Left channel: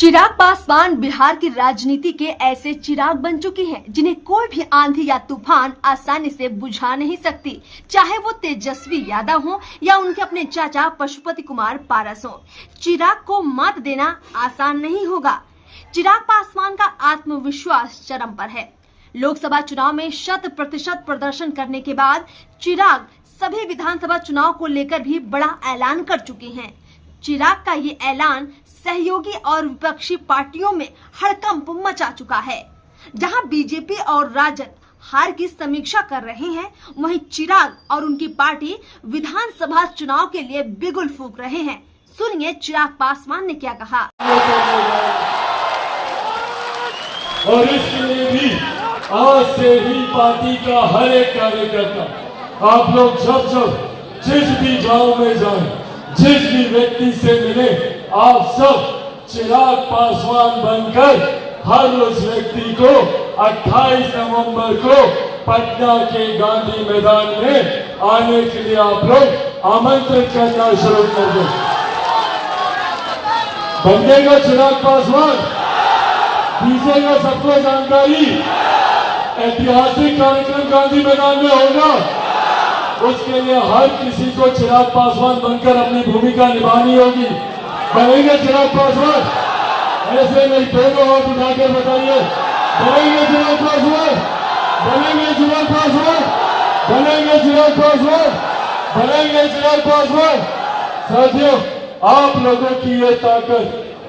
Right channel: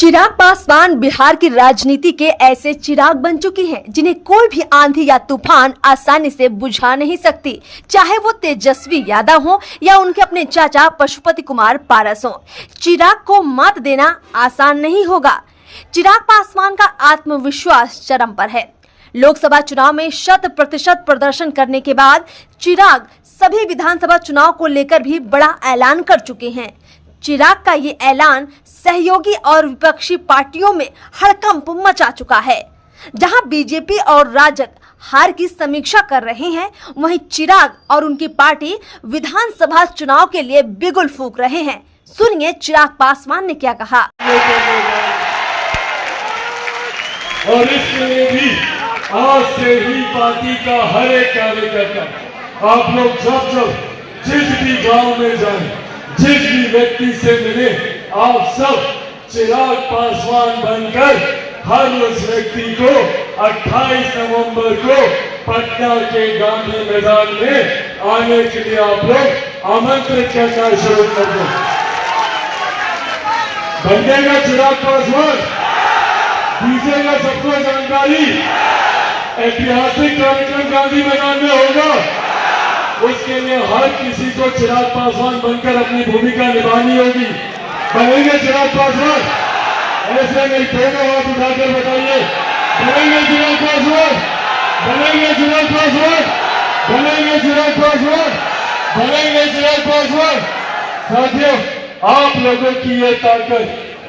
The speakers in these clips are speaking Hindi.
चिराग पासवान बिहार की राजनीति के ऐसे चिराग बन चुकी हैं जिन्हें कोई भी आंधी या तूफान आसानी से बुझा नहीं सकती, चाहे वो तेजस्वी यादव हो या उनके अपने चाचा पशुपति कुमार पारस हो। चिराग को मात देना आसान नहीं होगा। चिराग पासवान का आत्मविश्वास चरम पर है। लोकसभा चुनाव में 100% प्रदर्शन करने के बाद चिराग सभी विधानसभा चुनाव को लेकर भी बड़ा ऐलान कर चुके हैं। चिराग का ये ऐलान सहयोगी और विपक्षी पार्टियों में हड़कंप मचा चुका है। जहां बीजेपी और राजद हार की समीक्षा कर रहे हैं, वहीं चिराग और उनकी पार्टी विधानसभा चुनाव के लिए बिगुल फूंक रहे हैं। सुनिए चिराग पासवान ने क्या कहा। और इसलिए भी आज से ही पार्टी का हर एक कार्यकर्ता, आप लोग जब जिस भी गांव में जाएं, जिस भी व्यक्ति से मिले, आप सब चिराग पासवान बनकर हर उस व्यक्ति को 28 नवंबर को पटना के गांधी मैदान में आने के लिए आप लोग आमंत्रित करना शुरू कर दो। बनेगा चिराग पासवान, दीजिएगा सबको जानकारी। ऐतिहासिक कार्यक्रम गांधी मैदान में होगा, उसके लिए हर किसी को चिराग पासवान बनकर अपनी भूमिका निभानी होगी। बनेंगे चिराग पासवान? ऐसे नहीं, दोनों हाथ उठाकर बताइए, बनेंगे चिराग पासवान? बनेंगे चिराग पासवान? बनेंगे चिराग पासवान? बनेंगे चिराग पासवान? साथियों, आप लोगों की ये ताकत,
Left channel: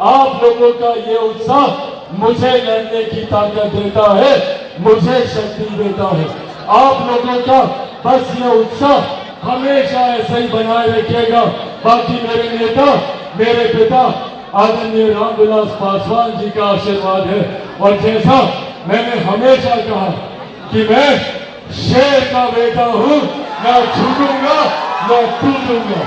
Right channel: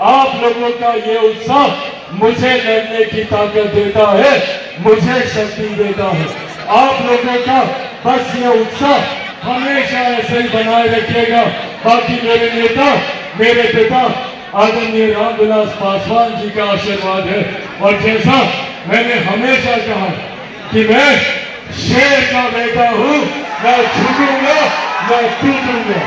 आप लोगों का ये उत्साह मुझे लड़ने की ताकत देता है, मुझे शक्ति देता है। आप लोगों का बस ये उत्साह हमेशा ऐसे ही बनाए रखिएगा। बाकी मेरे नेता, मेरे पिता आदरणीय रामविलास पासवान जी का आशीर्वाद है। और जैसा मैंने हमेशा कहा कि मैं शेर का बेटा हूँ, मैं झुकूंगा, मैं टूटूंगा।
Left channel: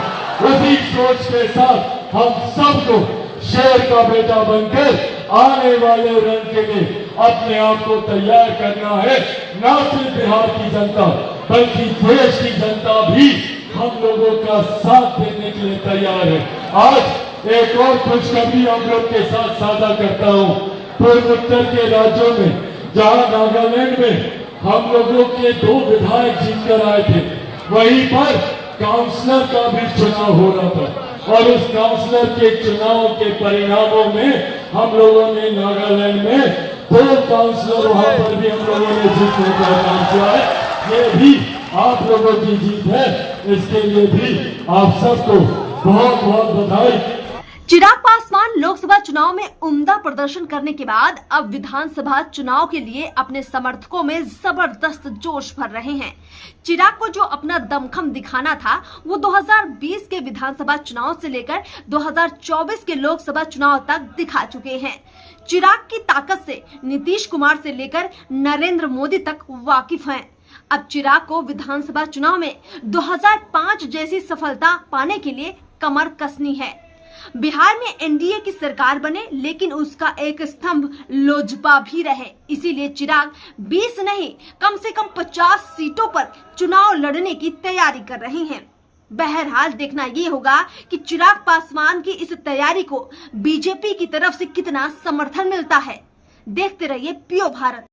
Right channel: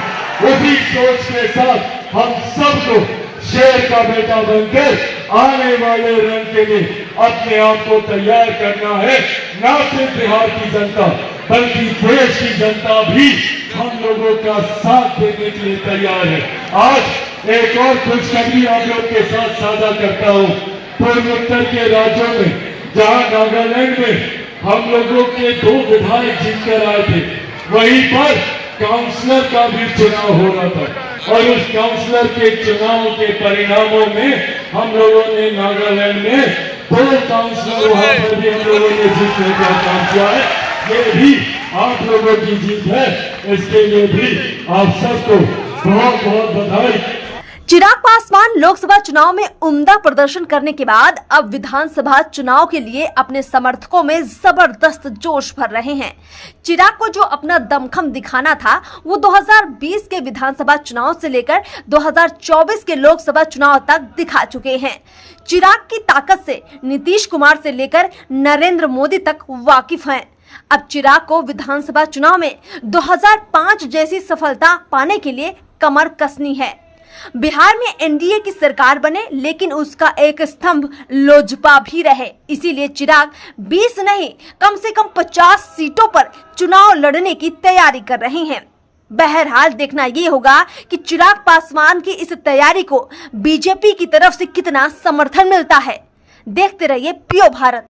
उसी सोच के साथ हम सबको शेर का बेटा बनकर आने वाले रंग के लिए अपने आप को तैयार करना है। न सिर्फ बिहार की जनता बल्कि देश की जनता भी हम लोगों का साथ देने के लिए तैयार है। आज एक और खुशखबरी आप लोग के साथ साझा करता हूँ। पूर्वोत्तर के राज्यों में, जहाँ नागालैंड में हम लोगों के 2 विधायक जीतकर आए थे, वहीं पर काउंसलर का भी चुनाव हो रहा था। और उस काउंसलर के चुनाव के परिणामों में हम लोगों ने नागालैंड में 2 काउंसलर वहां पर भी हम लोगों ने जीतने का काम किया है। ये भी आप लोगों की जीत है, इसके लिए भी आप सबको बहुत बहुत बधाई। चिराग पासवान लोकसभा चुनाव में उम्दा प्रदर्शन करने के बाद अब विधानसभा चुनाव के लिए अपने समर्थकों में जबरदस्त जोश भर रहे हैं। चिराग को जो अपना दमखम दिखाना था, वो 2020 के विधानसभा चुनाव से लेकर 2024 के लोकसभा चुनाव तक दिखा चुके हैं। चिराग की ताकत से नीतीश कुमार से लेकर नरेंद्र मोदी तक वाकिफ हैं। अब चिराग को विधानसभा चुनाव में 2005 जैसी सफलता पाने के लिए कमर कसनी है। बिहार में एनडीए की सरकार बने, लेकिन उसका एक स्तंभ लोजपा भी रहे। इसीलिए चिराग 20 नहीं, कम से कम 50 सीटों पर चुनाव लड़ने की तैयारी कर रहे हैं। बहरहाल देखना ये होगा कि चिराग पासवान की इस तैयारी को बीजेपी की तरफ से कितना समर्थन मिलता है। देखते रहिए पीओ भारत।